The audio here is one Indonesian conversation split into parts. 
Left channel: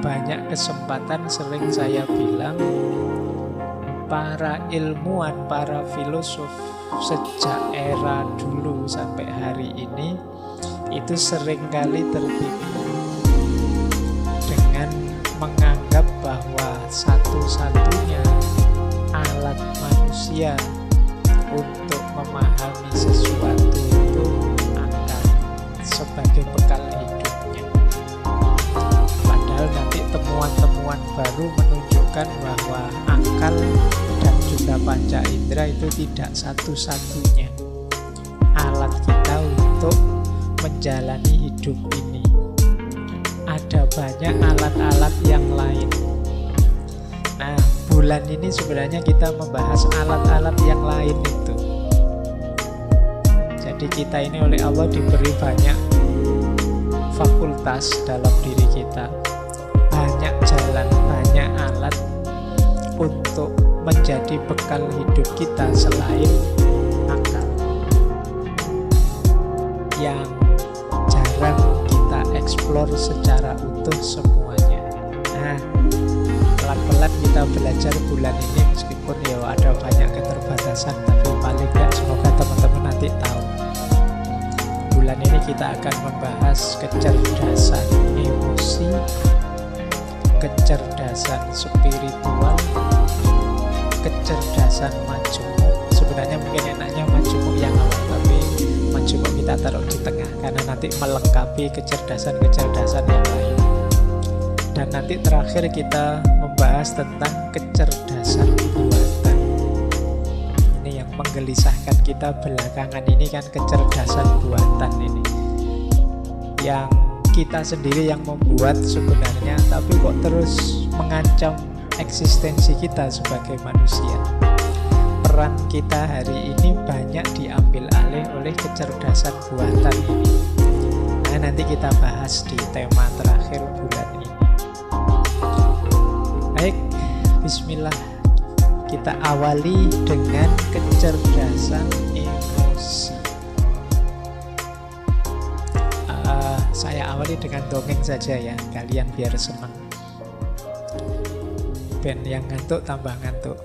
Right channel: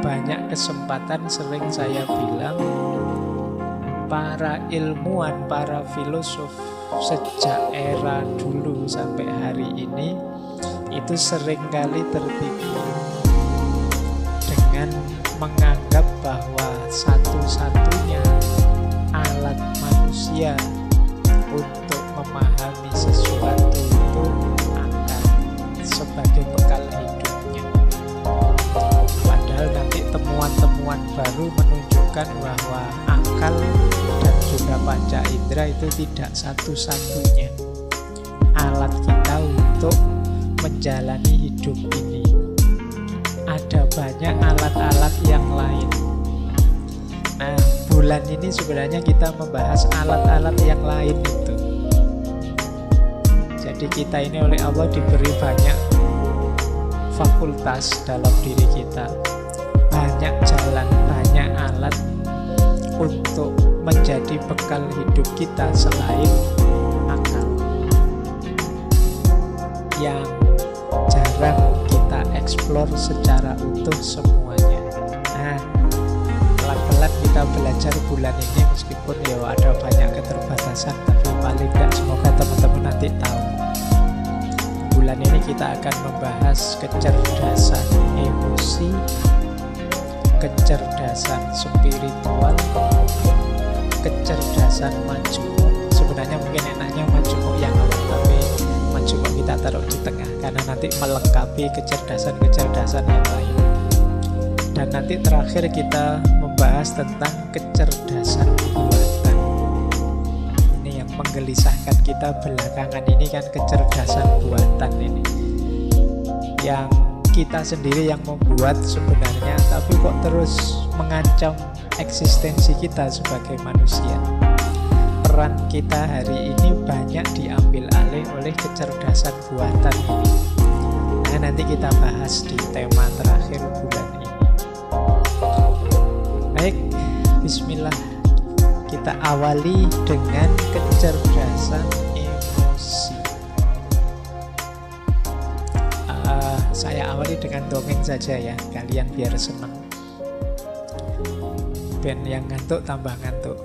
banyak kesempatan sering saya bilang, para ilmuwan, para filosof sejak era dulu sampai hari ini itu seringkali tertipu dengan menganggap bahwa satu-satunya alat manusia untuk memahami sesuatu itu akal sebagai bekal hidupnya. Padahal nanti temuan-temuan baru menunjukkan bahwa akal dan juga panca indera itu tidak satu-satunya alat kita untuk menjalani hidup ini. Ada banyak alat-alat yang lain. Nah, bulan ini sebenarnya kita membahas alat-alat yang lain itu. Jadi kita ini oleh Allah diberi banyak fakultas dalam diri kita, banyak jalan, banyak alat untuk menjadi bekal hidup kita selain akal yang jarang kita eksplor secara utuh semuanya. Nah, pelan-pelan kita belajar bulan ini, meskipun ya ada banyak keterbatasan, tapi paling tidak semoga teman-teman nanti tahu. Bulan ini kita akan membahas kecerdasan emosi, kecerdasan spiritual, kecerdasan majemuk. Sebenarnya mungkin enaknya majemuk yang awal, tapi majemuk kita taruh di tengah karena nanti melengkapi kecerdasan-kecerdasan yang lain. Dan nanti terakhir kita membahas tentang kecerdasan buatan. Ini yang menggelisahkan kita belakangan ini kan, kecerdasan buatan ini yang kita sendiri yang membuat sebenarnya, tapi kok terus mengancam eksistensi kita sebagai manusia. Peran kita hari ini banyak diambil alih oleh kecerdasan buatan ini. Nah, nanti kita bahas di tema terakhir bulan ini. Baik, bismillah. Kita awali dengan kecerdasan emosi. Saya awali dengan dongeng saja ya, kalian biar senang. Ben yang ngantuk tambah ngantuk.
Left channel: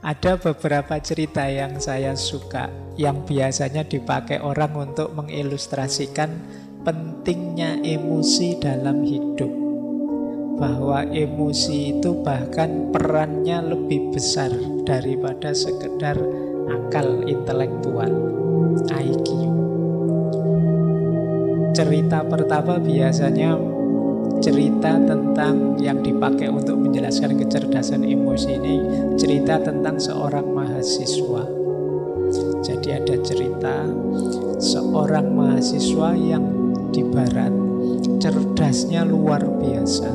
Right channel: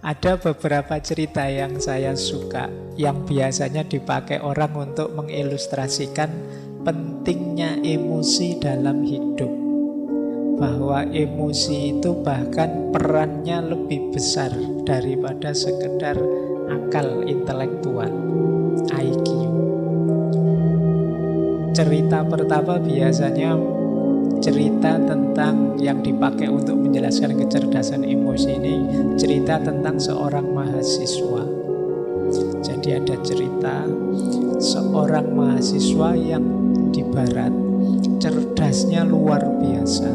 Ada beberapa cerita yang saya suka, yang biasanya dipakai orang untuk mengilustrasikan pentingnya emosi dalam hidup. Bahwa emosi itu bahkan perannya lebih besar daripada sekedar akal intelektual, IQ. Cerita pertama biasanya cerita tentang yang dipakai untuk menjelaskan kecerdasan emosi ini, cerita tentang seorang mahasiswa. Jadi ada cerita seorang mahasiswa yang di barat cerdasnya luar biasa.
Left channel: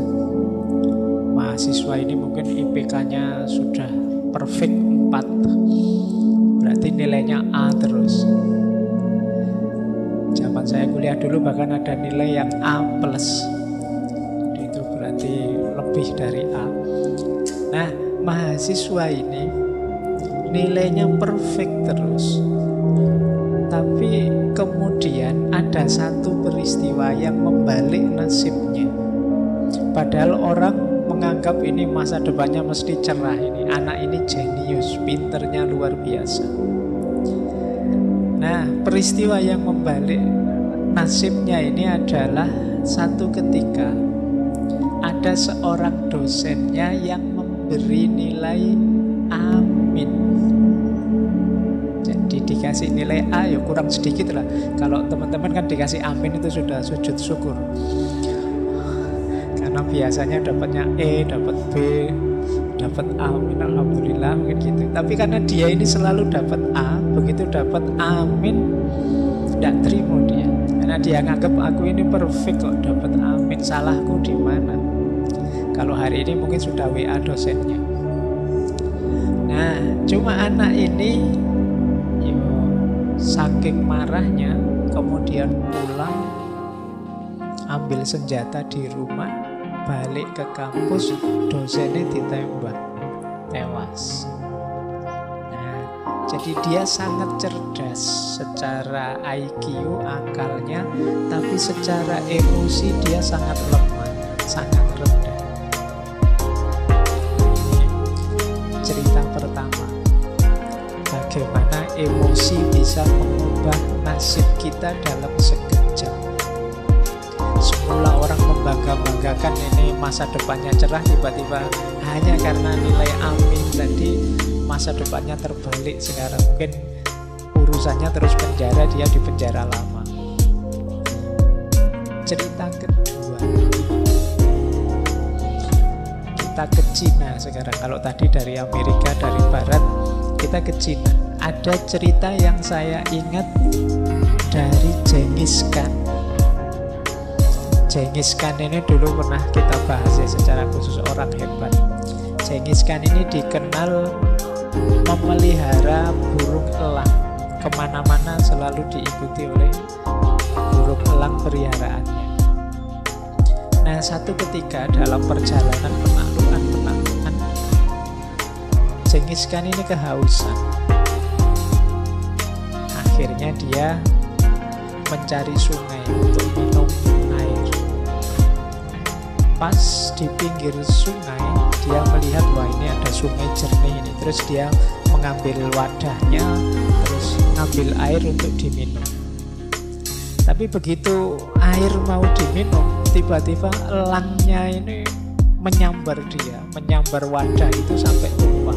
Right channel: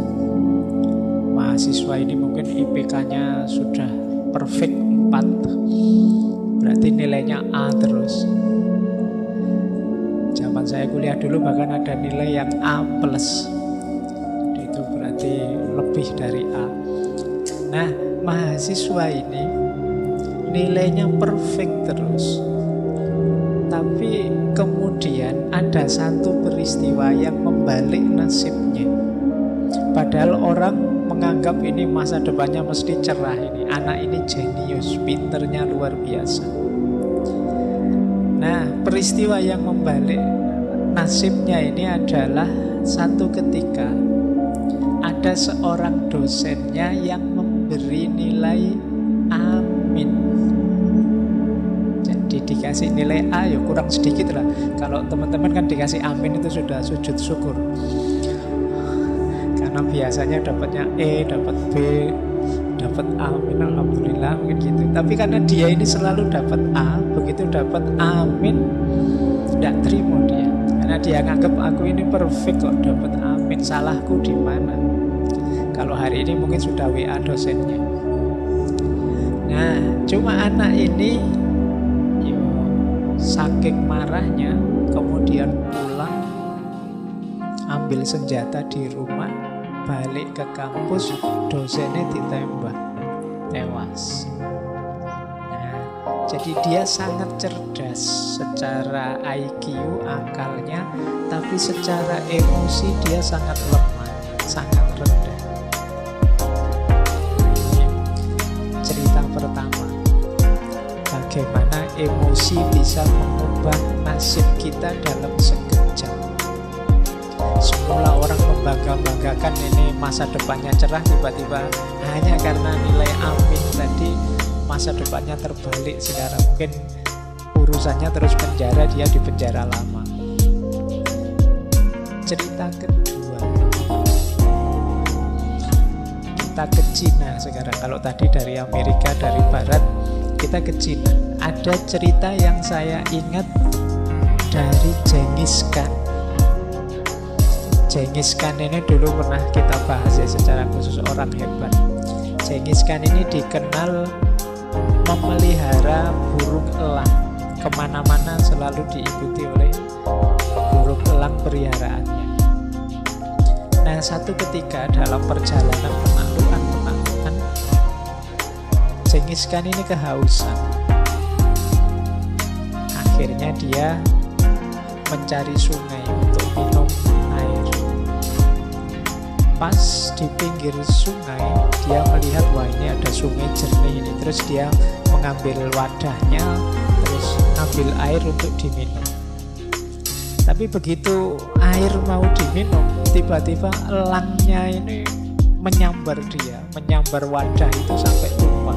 Mahasiswa ini mungkin IPK-nya sudah perfect 4, berarti nilainya A terus. Zaman saya kuliah dulu bahkan ada nilai yang A+. Itu berarti lebih dari A. Nah, mahasiswa ini nilainya perfect terus. Tapi kemudian ada satu peristiwa yang membalik nasibnya. Padahal orang menganggap ini masa depannya mesti cerah ini. Anak ini jenius, pinternya luar biasa. Nah, peristiwa yang membalik nasibnya ini adalah satu ketika ada seorang dosennya yang memberi nilai amin. Jadi dikasih nilai A ya kurang sedikit lah. Kalau teman-teman kan dikasih amin itu sudah sujud syukur. Karena biasanya dapatnya E, dapat B, dapat amin, alhamdulillah mungkin gitu. Tapi karena dia ini selalu dapat A, begitu dapat amin tidak terima dia. Karena dia nganggap aku ini perfect kok dapat amin, salahku di mana? Kalau hari ini mungkin sudah WA dosennya. Nah, cuma anak ini saking marahnya kemudian pulang, ambil senjata di rumah, balik ke kampus, dosennya ditembak, tewas. Nah, jadi dia sangat cerdas secara IQ, akalnya, tapi secara emosi dia sangat lemah. sangat rendah. Ini cerita pertama, bagaimana emosi bisa mengubah nasib kita dalam sekejap. Semula orang membangga-banggakan ini masa depannya cerah, tiba-tiba hanya karena nilai amin tadi masa depannya terbalik. Sekarang mungkin urusannya terus penjara, dia di penjara lama. Cerita kedua, kita ke Cina sekarang. Kalau tadi dari Amerika, dari Barat, kita ke Cina. Ada cerita yang saya ingat dari Genghis Khan. Genghis Khan ini dulu pernah kita bahas ya secara khusus, orang hebat. Genghis Khan ini dikenal memelihara burung elang. Kemana-mana selalu diikuti oleh burung elang peliharaannya. Nah, satu ketika dalam perjalanan penaklukan, Genghis Khan ini kehausan. Akhirnya dia mencari sungai untuk minum air. Pas di pinggir sungai, dia melihat, wah ini ada sungai jernih ini. Terus dia mengambil wadahnya, terus ngambil air untuk diminum. Tapi begitu air mau diminum, tiba-tiba elangnya ini menyambar dia, menyambar wadah itu sampai tumpah.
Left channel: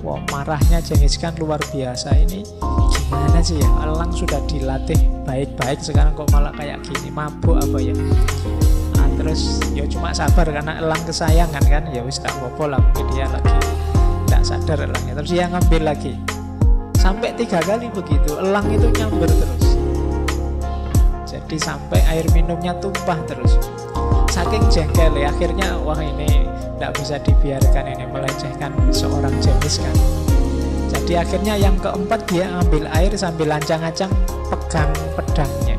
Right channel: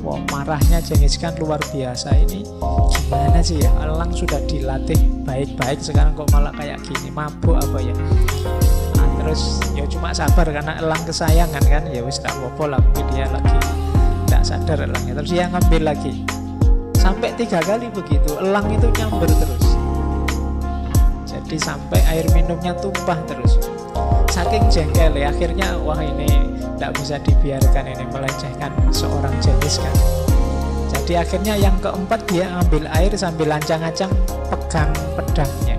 Wah, marahnya Genghis Khan luar biasa. Ini gimana sih ya, elang sudah dilatih baik-baik, sekarang kok malah kayak gini, mabuk apa ya. Terus ya cuma sabar karena elang kesayangan kan, ya wis tak apa-apa lah, mungkin dia lagi tidak sadar elangnya. Terus dia ngambil lagi sampai 3 kali begitu, elang itu nyamber terus. Jadi sampai air minumnya tumpah terus. Saking jengkel ya, akhirnya wah ini tidak bisa dibiarkan, ini melecehkan seorang Genghis Khan. Jadi akhirnya yang keempat dia ambil air sambil lancang-lancang pegang pedangnya.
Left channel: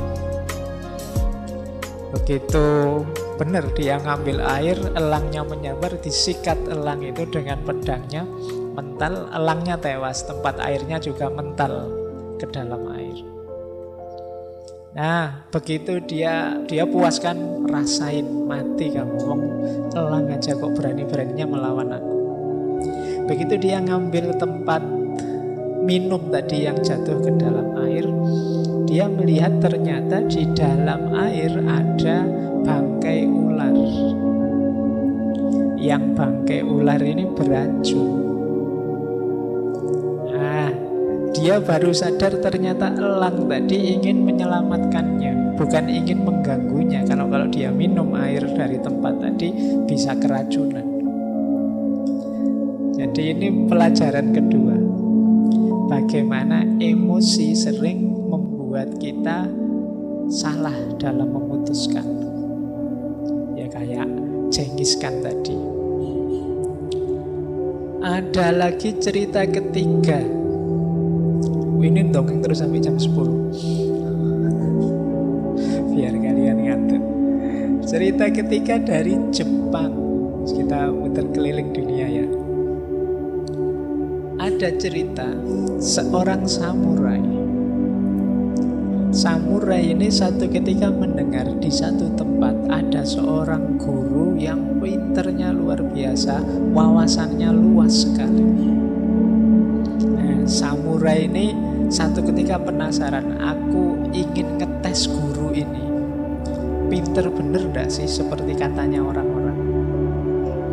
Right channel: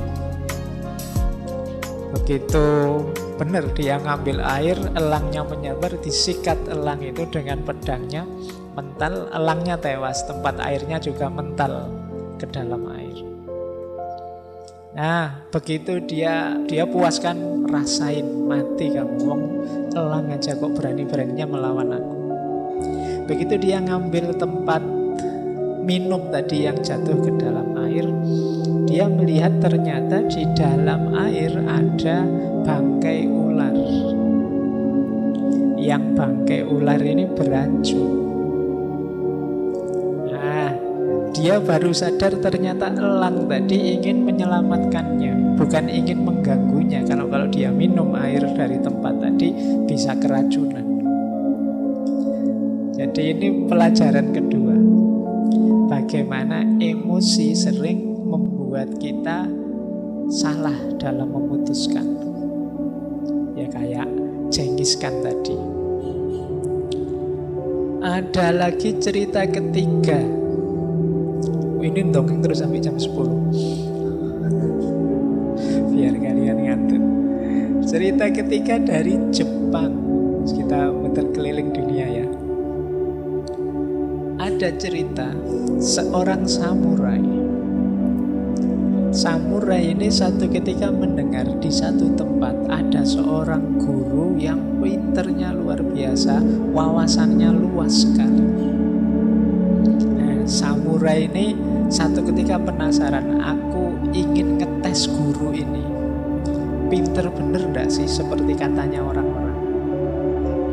Begitu benar dia ngambil air, elangnya menyambar, disikat elang itu dengan pedangnya, mental, elangnya tewas, tempat airnya juga mental ke dalam air. Nah, begitu dia puaskan, rasain, mati kamu, wong elang aja kok berani-beraninya melawan aku. Begitu dia ngambil tempat minum tadi yang jatuh ke dalam air, dia melihat ternyata di dalam air ada bangkai ular. Yang bangkai ular ini beracun. Nah, dia baru sadar ternyata elang tadi ingin menyelamatkannya, bukan ingin mengganggunya. Kalau dia minum air dari tempat tadi bisa keracunan. Jadi ini pelajaran kedua. Bagaimana emosi sering membuat kita salah dalam memutuskan. Ya kayak Genghis Khan tadi. Ada lagi cerita ketiga. Ini dongeng terus sampai jam 10 biar kalian ngantuk. Cerita ketiga dari Jepang. Kita muter keliling dunia ya. Ada cerita seorang samurai. Samurai ini satu ketika mendengar di satu tempat ada seorang guru yang pinternya luar biasa, wawasannya luas sekali. Nah, samurai ini satu ketika penasaran, aku ingin ngetes guru ini. Pinter bener gak sih seperti katanya orang-orang?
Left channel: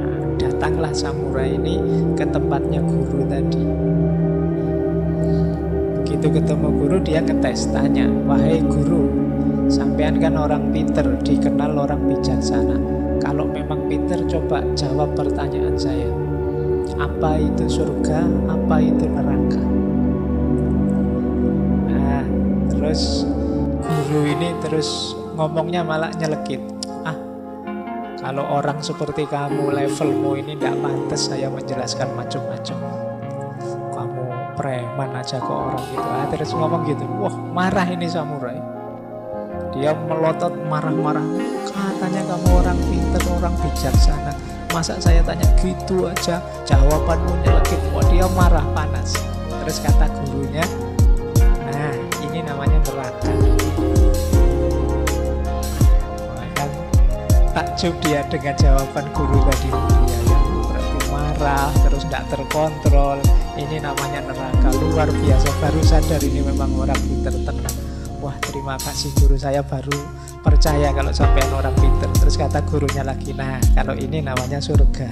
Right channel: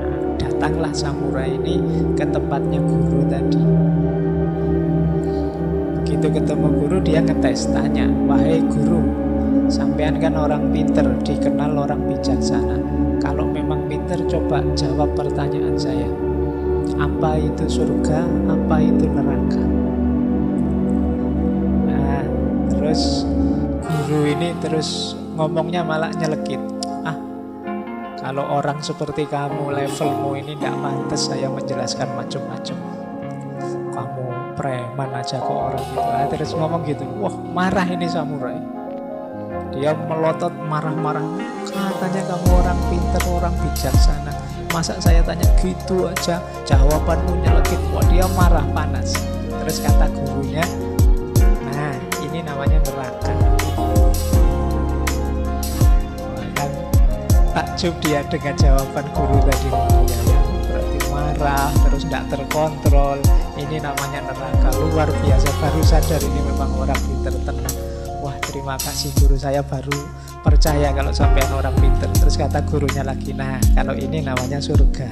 Nah, datanglah samurai ini ke tempatnya guru tadi. Begitu ketemu guru, dia ngetes, tanya, wahai guru, sampean kan orang pinter, dikenal orang bijaksana. Kalau memang pinter, coba jawab pertanyaan saya. Apa itu surga? Apa itu neraka? Nah, terus guru ini terus ngomongnya malah nyelekit. Kalau orang seperti kamu, levelmu ini tidak pantas saya menjelaskan macam-macam. Kamu preman aja ke orang gitu. Terus ngomong gitu. Wah, marah ini samurai. Dia melotot marah-marah. Katanya kamu orang pintar, orang bijaksana. Masa saya tanya gitu aja, jawabanmu nyelekit. Wah, dia marah, panas. Terus kata gurunya, nah ini namanya neraka. Wah, kan Takjub dia dengan jawaban guru tadi. Ya, berarti marah, terus tidak terkontrol. Ini namanya neraka, luar biasa. Baru sadar ini memang orang pinter tenang. Wah, terima kasih guru, saya baru percaya kalau sampean orang pinter. Terus kata gurunya lagi, nah kalau ini namanya surga.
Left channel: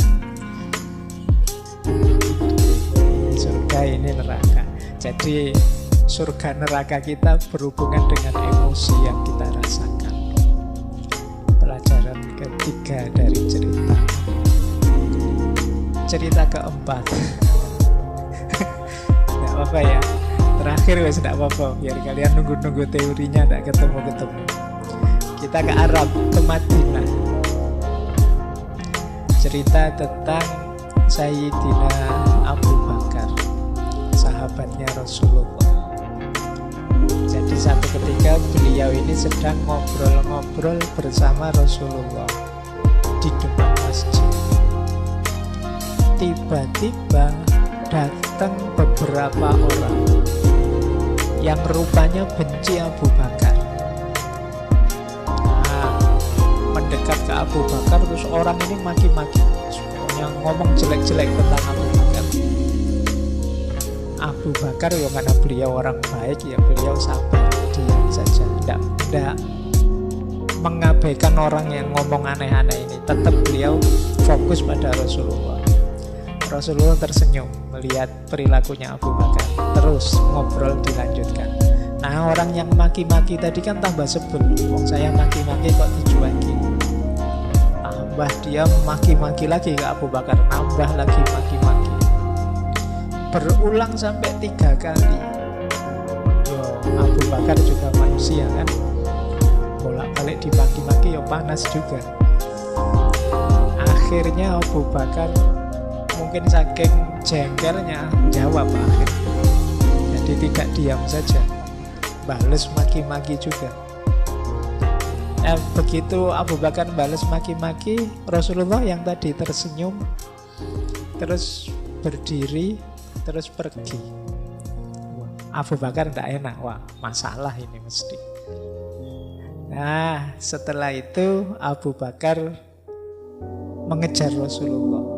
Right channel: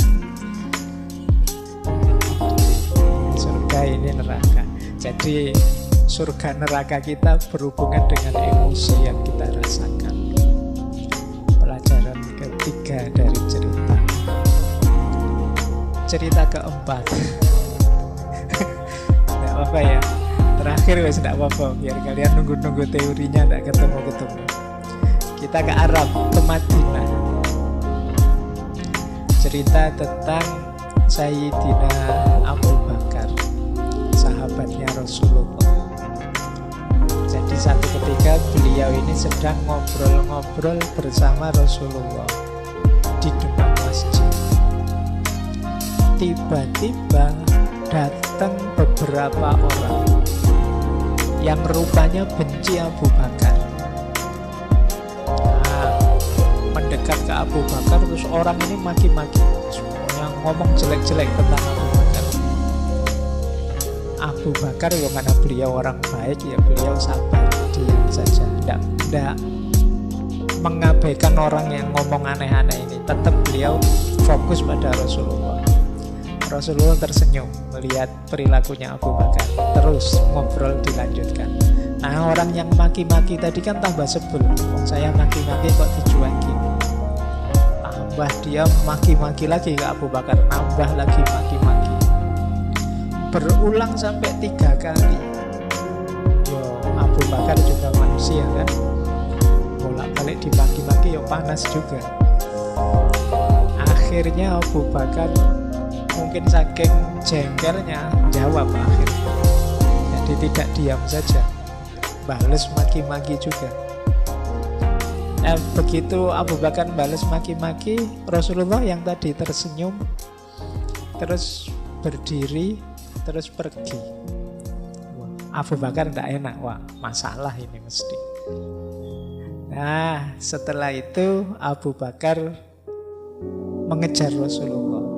Ini surga, ini neraka. Jadi surga neraka kita berhubungan dengan emosi yang kita rasakan. Pelajaran ketiga dari cerita. Cerita keempat. Nggak apa-apa ya, terakhir wes nggak apa-apa, biar kalian nunggu-nunggu teorinya nggak ketemu-ketemu. Kita ke Arab, ke Madinah. Cerita tentang Sayyidina Abu Bakar, sahabatnya Rasulullah. Jadi satu ketika beliau ini sedang ngobrol-ngobrol bersama Rasulullah di depan masjid. Tiba-tiba datang beberapa orang yang rupanya benci Abu Bakar. Nah, mendekat ke Abu Bakar, terus orang ini maki-maki, semuanya ngomong jelek-jelek tentang Abu Bakar. Abu Bakar, ya mana beliau orang baik, ya beliau sabar, diam saja, tidak mengabaikan orang yang ngomong aneh-aneh ini. Tetap beliau fokus pada Rasulullah. Rasulullah tersenyum melihat perilakunya Abu Bakar. Terus ngobrol dilanjutkan. Nah, orang yang maki-maki tadi kan tambah sebel. Wong saya maki-maki kok dicuekin. Tambah dia maki-maki lagi ke Abu Bakar. Nambah lagi maki-maki. Berulang sampai 3 kali. Yo, Abu Bakar juga manusia kan, bolak-balik dimaki-maki yo panas juga. Akhirnya Abu Bakar mungkin saking jengkelnya jawab akhirnya. Jadi tidak diam saja, bales maki-maki juga. Begitu Abu Bakar bales maki-maki, Rasulullah yang tadi tersenyum terus berdiri, terus pergi. Wah, Abu Bakar tidak enak, wah masalah ini mesti. Nah, setelah itu Abu Bakar mengejar Rasulullah.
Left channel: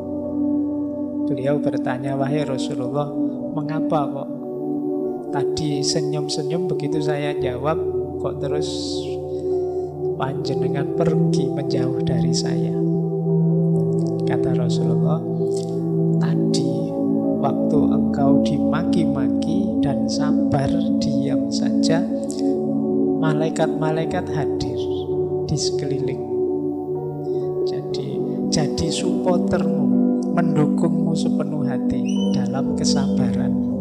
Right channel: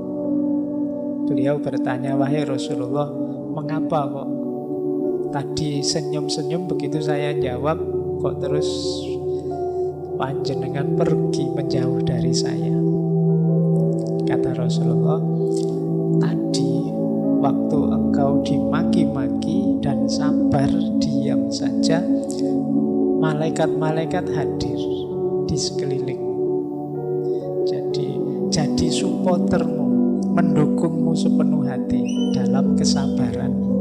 Beliau bertanya, wahai Rasulullah, mengapa kok tadi senyum-senyum, begitu saya jawab kok terus panjenengan pergi menjauh dari saya? Kata Rasulullah, tadi waktu engkau dimaki-maki dan sabar diam saja, malaikat-malaikat hadir di sekelilingmu. Jadi supportermu, mendukungmu sepenuh hati dalam kesabaranmu.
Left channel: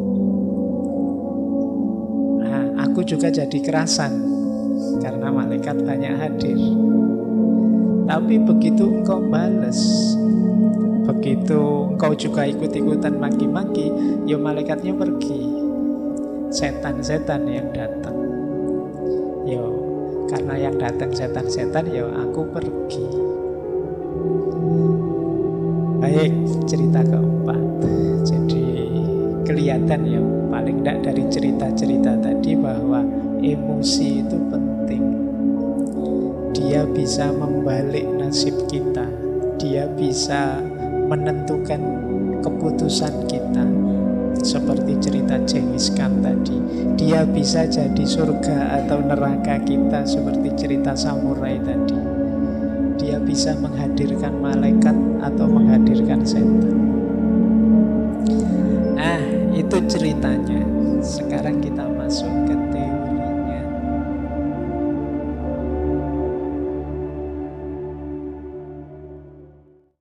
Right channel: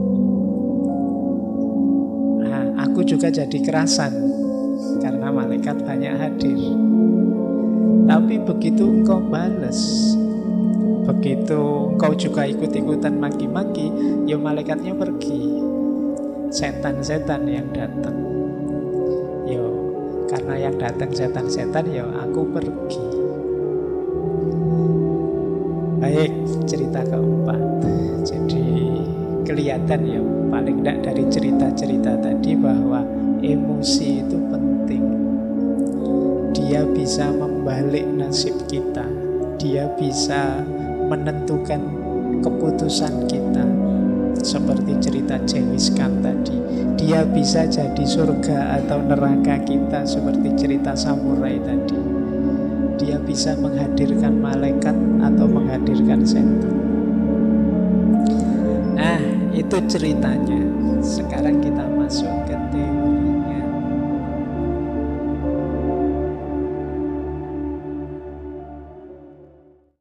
Nah, aku juga jadi kerasan karena malaikat banyak hadir. Tapi begitu engkau balas, begitu engkau juga ikut-ikutan maki-maki, ya malaikatnya pergi. Setan-setan yang datang. Yo, karena yang datang setan-setan, ya aku pergi. Baik, cerita keempat. Jadi kelihatan ya, paling tidak dari cerita-cerita tadi, bahwa emosi itu penting. Dia bisa membalik nasib kita. Dia bisa menentukan keputusan kita. Seperti cerita Genghis Khan tadi, dia bisa jadi surga atau neraka kita. Seperti cerita samurai tadi, dia bisa menghadirkan malaikat atau menghadirkan setan. Nah, itu ceritanya. Sekarang kita masuk